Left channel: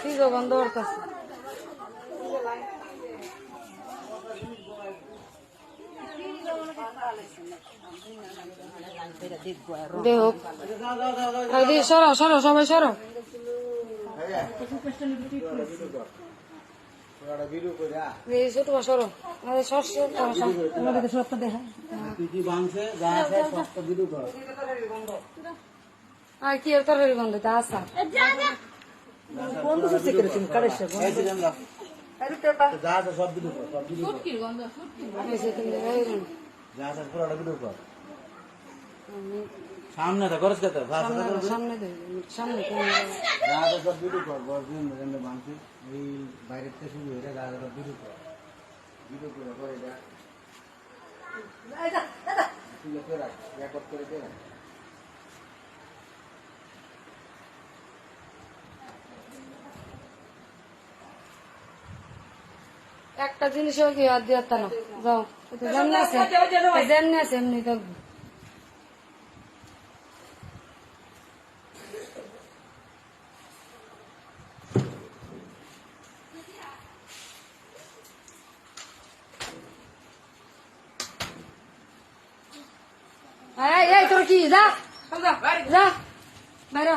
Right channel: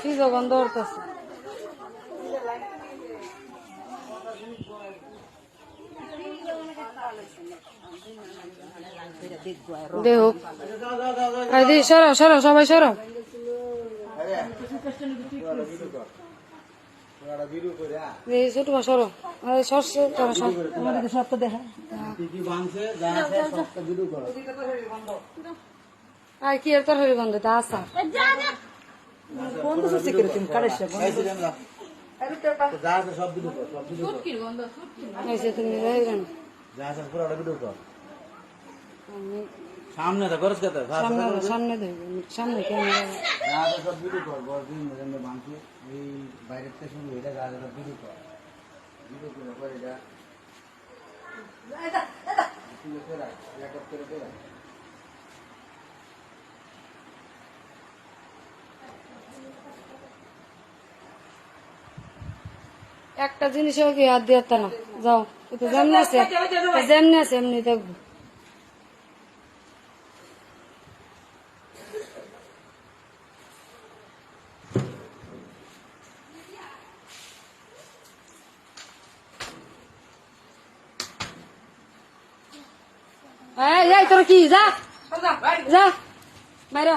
কি গন্ধ করতেছে। সরো সরো সবাই সরো। ছোট সরো সত্য দেখা আর কি এর তরকারি গন্ধ তা আসা বন্ধু সত্যি কিরকম করেছে সামনে তো খরচ কত সামনে সামনে সব ভিডিও কর ভাঙছি এই বাইরের থেকে শুরু এটা যা সব ভিডিও কর এটা একটা জিনিসেও কি হাত দিয়ে না যাও যেমনি আছে যেমনি আছে এমনি দেখবো। এই তোর কি যা যা বাইরে